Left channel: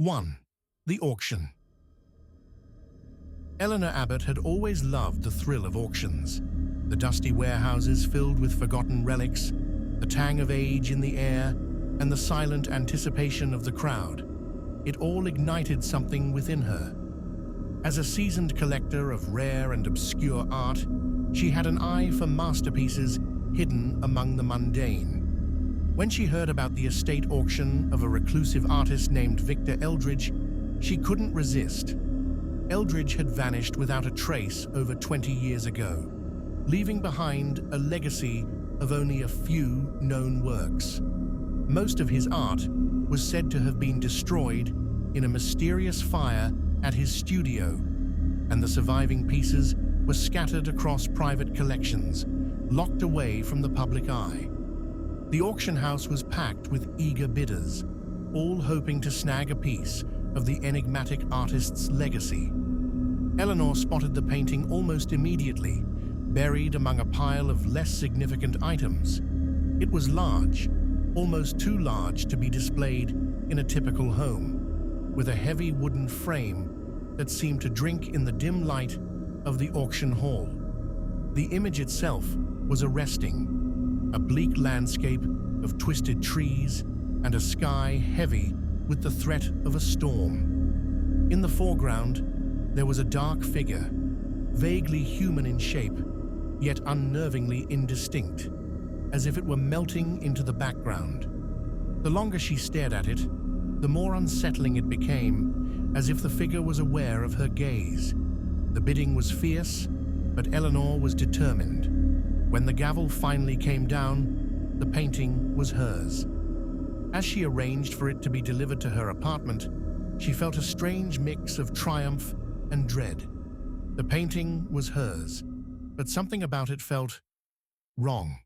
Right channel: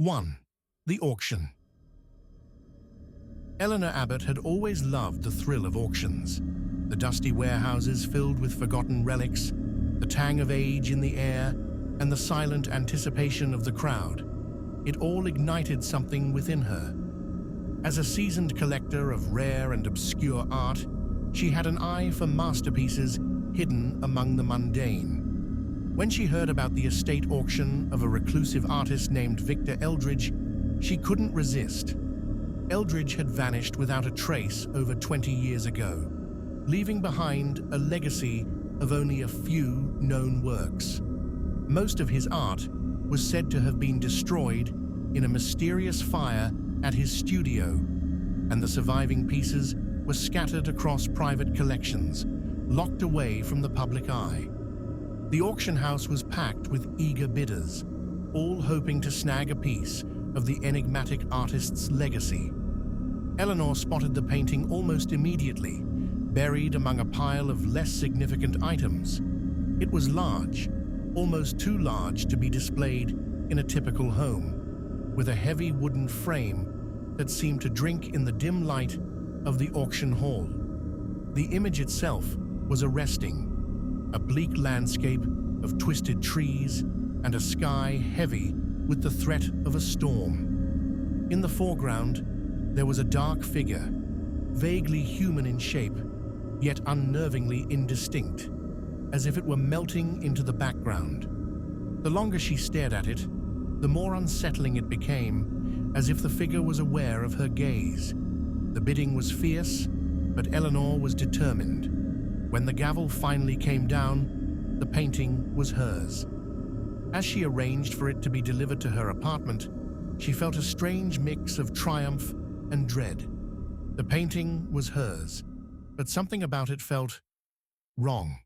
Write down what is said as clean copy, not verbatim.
1. The auction. Eleanor Abbott had always loved the thrill of auctions. The dusty warehouses filled with forgotten relics, the tang of age in the air, and the silent anticipation of the crowd. It all ignited something within her. As a seasoned collector of rare and obscure art, she had an eye for masterpieces hidden among the mundane. When she heard about the estate auction of a reclusive artist named Victor Eldridge, she couldn't resist. Eldridge had vanished without a trace over 20 years ago, leaving behind a legacy of only a few known works. Most of his art was said to have been destroyed in a mysterious fire at his studio, and the surviving pieces were scattered across private collections, locked away from the public eye. The auction house was packed with eager bidders, all hoping to snag a piece of the enigmatic artist's legacy. Eleanor spotted the painting almost immediately, buried among a pile of less significant items. It was large, almost too large to be displayed in a typical home, with a heavy wooden frame that seemed to drink in the dim light of the auction hall. The image itself was arresting, a bleak landscape of twisted trees and a sky heavy with the threat of a storm. In the foreground, there was a dark figure, vaguely human in shape, yet unnervingly indistinct, as if it were melting into the background. The longer she stared at it, the more unsettling it became, as if the figure was aware of her gaze. The bidding was fierce, but Eleanor was determined. When the gavel finally came down, the painting was hers. As she arranged for it to be delivered to her apartment, she felt a strange mix of triumph and dread. The painting was hers, but something about it felt wrong.